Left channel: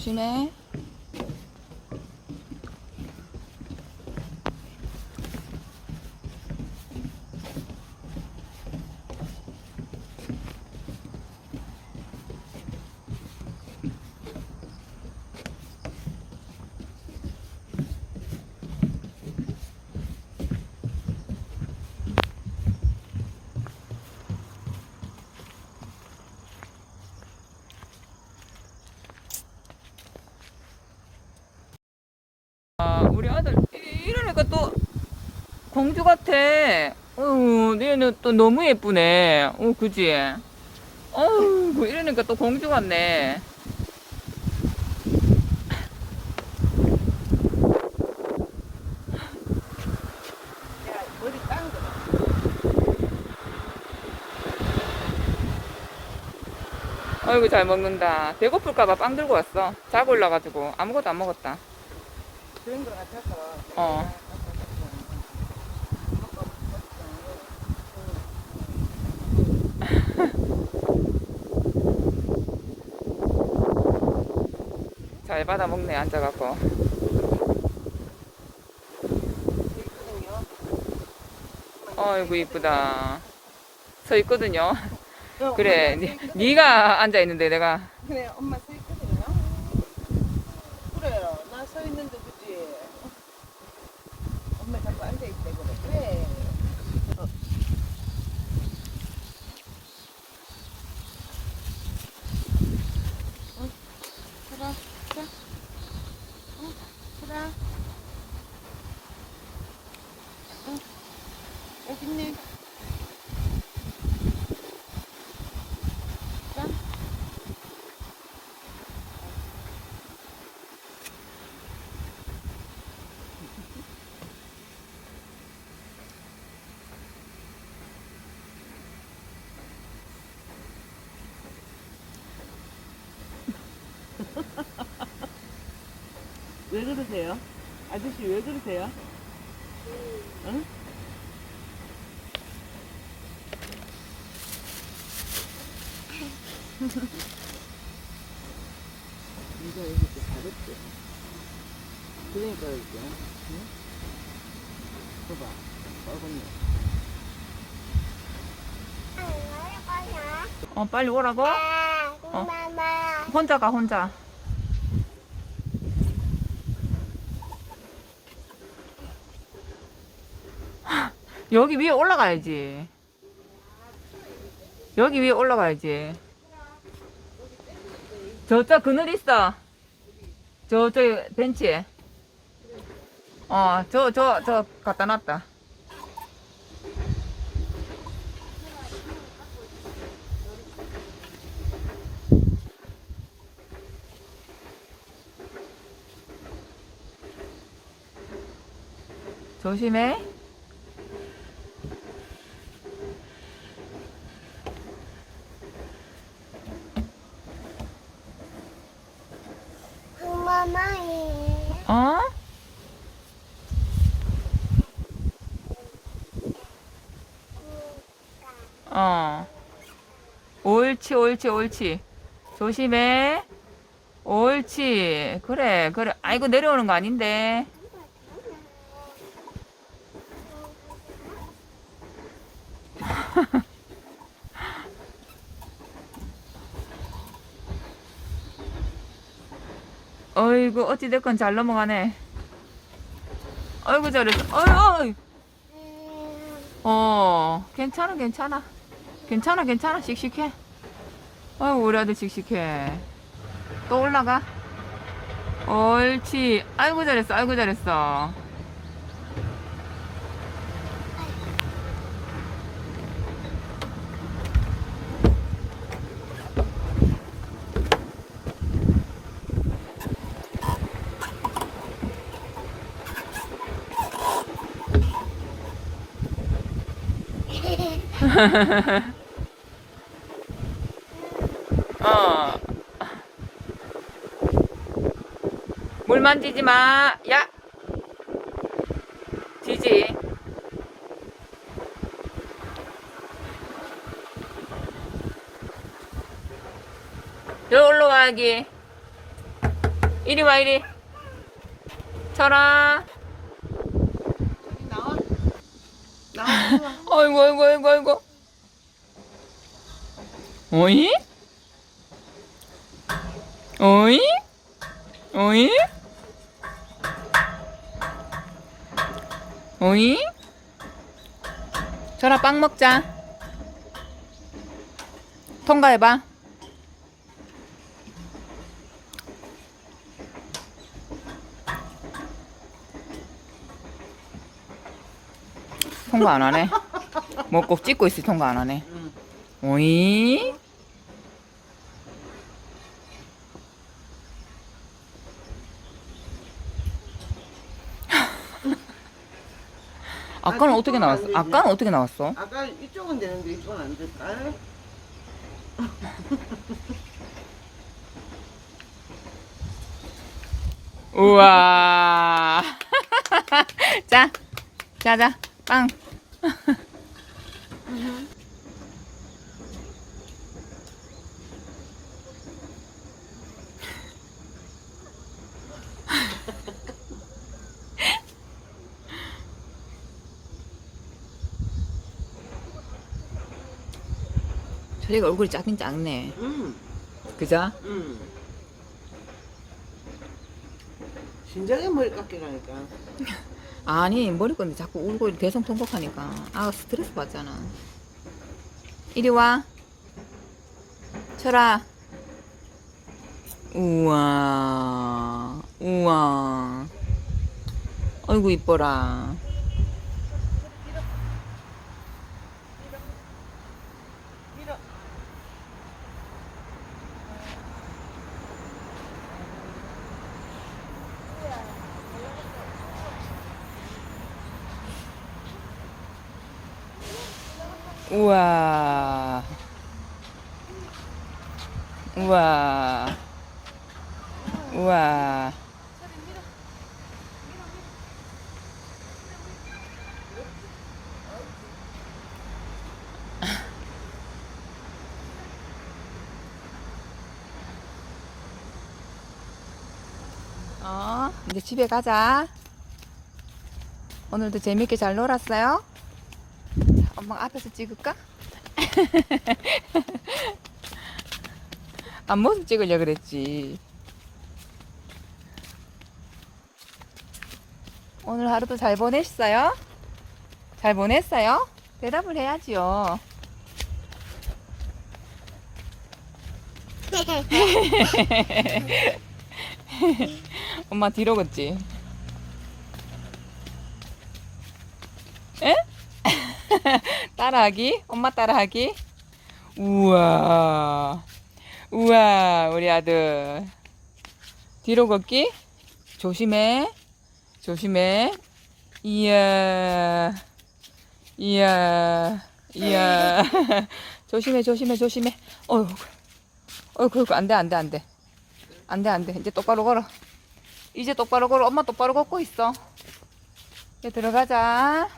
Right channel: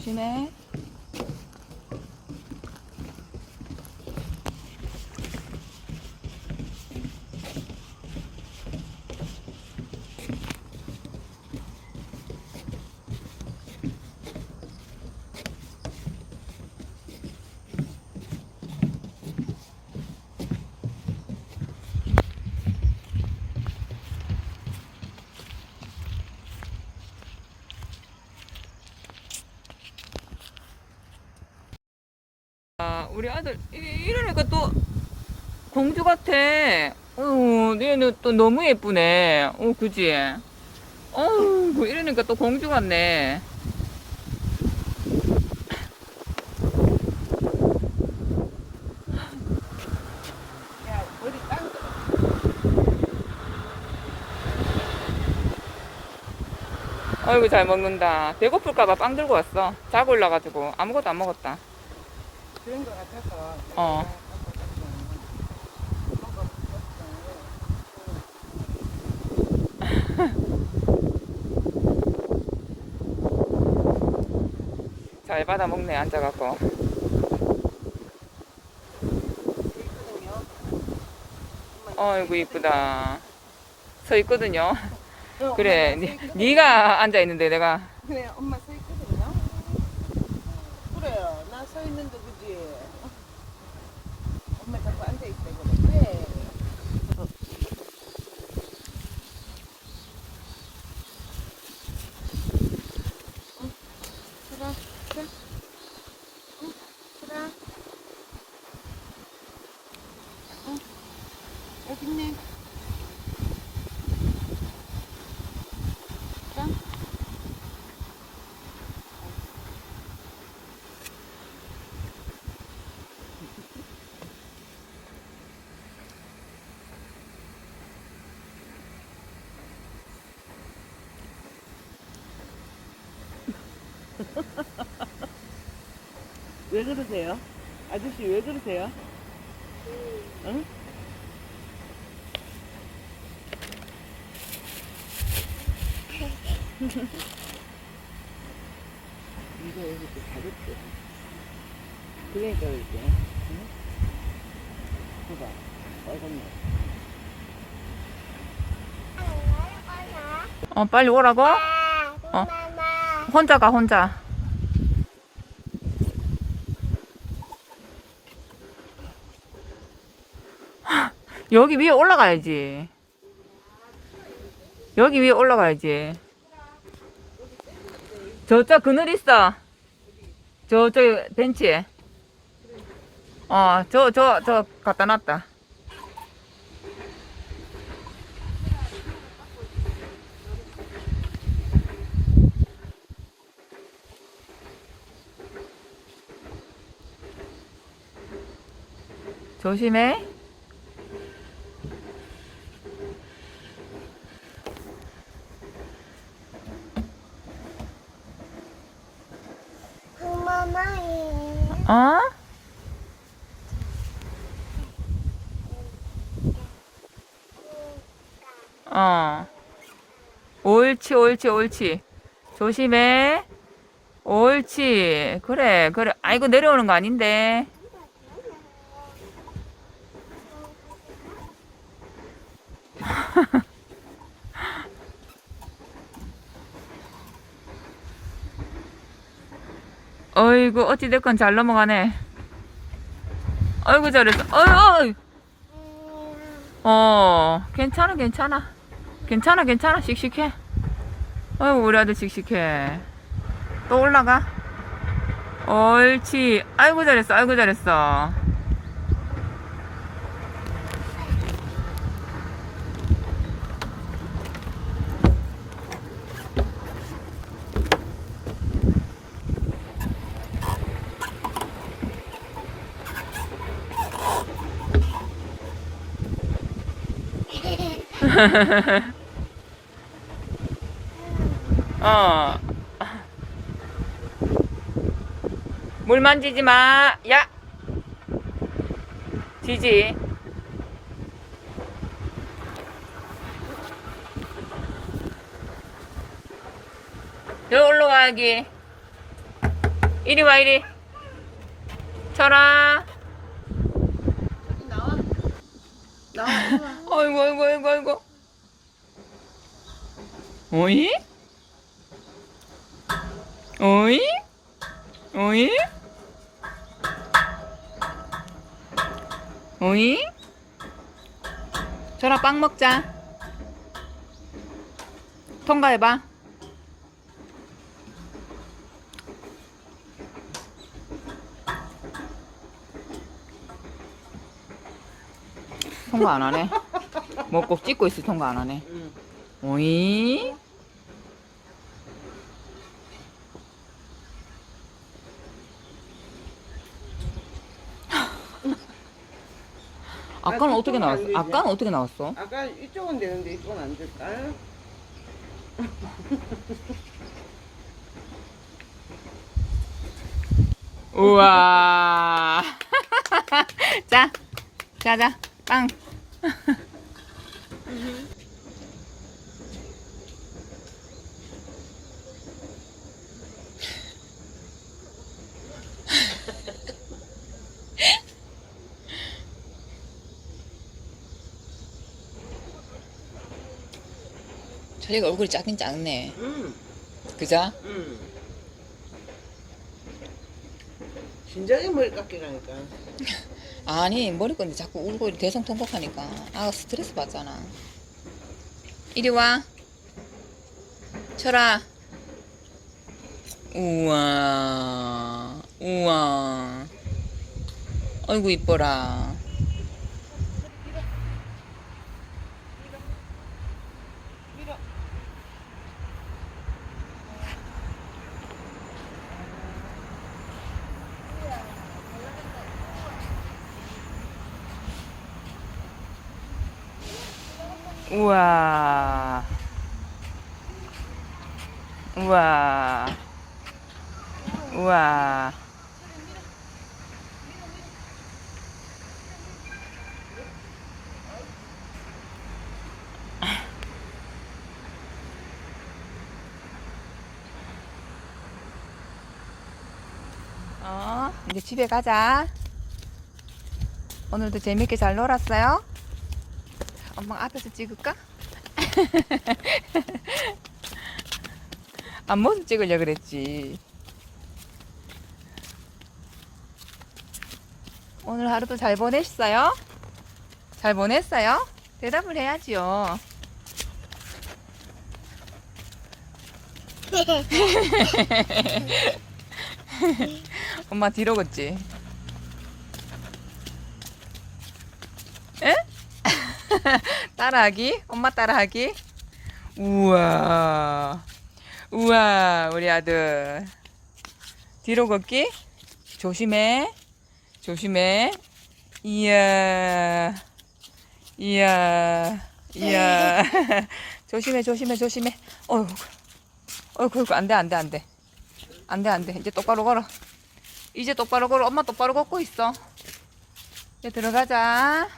조심해. 아, 우리 아들 이- 이러니까 또 공주 같아. 어, 얘는 또 너무 예쁘네. 어, 그지? 어우, 이러니까 또 공주 같네. 아이고, 잘 먹는다. 배고플까봐 빵 들고 왔어. 자고 올라가지고 아무것도 안 먹었다. 그런 거 같아서. 어. 잘 받아 먹네, 앉아갖고. 어이구, 이쁘다. 서 있거든요. 그래, 니, 니가 앉아 있는데 내가 그래, 엄마 서 있거든요. 그래, 나 서 있는데 그지. 엄마 자꾸 앉아 있대 그래. 그래. 응, 그래, 그래. 응, 그래. 응, 여기 있네. 왜 그러세요? 아저씨 왜 그러세요? 응? 이거 여기 또 다르지. 그러니까 이제, 응? 봐봐, 빨간색. 어 빨리 오라고? 어. 혼자 가 혼자 여기 위에 올라가야지. 여기 위에 올라가야지. 저쪽 그늘 있어. 저쪽 벤치에. 어 저 저 저 갖다 놨다. 조심해 어? 어. 옳지, 옳지, 옳지. 조심해. 옳지. 그래, 그래. 아이고, 내려오는 거 아닌데. 어이구, 어찌됐건 잘 넘어가네. 아이고, 잘했어. 어이, 어이. 어, 괜찮아, 괜찮아. 괜찮아, 괜찮아. 씩씩해. 아이고, 우리 아들 씩씩해. 또 올라가. 옳지. 아이고, 잘했어. 아이고, 잘했어. 어. 물 만지지 마. 야. 지지. 여기로 와, 여기. 이리 와, 이리. 철아. 아이고 아이고 아이고 아이고 어이? 어이? 어이? 어이? 철아 빵 먹자 통과해봐 통과 안 하네 뭐꼭 찍고 있어 통과 안 하네 응. 오이? 아까는 아, 어떻게 안 나왔어? 되지. 아까는 어떻게 나왔어? 아까 이쪽은 되는데 이쪽은 안 될까? 우와. 자, 자, 자, 빵. 자기가 얼굴이 작긴 작네. 응. 그자? 응. 진작에 머리 깎이라니까. 아니 머리끈이 자꾸 울고 이렇게 대성 통곡하니까. 아 스트레스 받잖아. 이리 와. 철아. 우와. 우와. 아이고 이뻐라 우와 우와 우와 어, 이제 집에 가자. 오늘도 재밌게 잘 놀았어요? 엄마 앞에서 찍을까? 앞모습 찍으려 그랬지. 오늘 하루도 잘 보냈어요? 잘 보냈어요? 대답을 해야지요. 엄마 뒤로 걷지? 따라하기? 엄마 따라하기? 우와. 우와, 우리 아들. 뒤로 걷기? 조심해. 조심해. 이야. 이야. 이야. 조심해, 조심해, 조심해. 어휴. 어휴, 안 돼, 안 돼, 안 돼. 안 돼, 안 돼. 이제 똑바로 걸어. 이제 똑바로 걸어. 엄마 똑바로 걷고 있어. 이제 들어가자.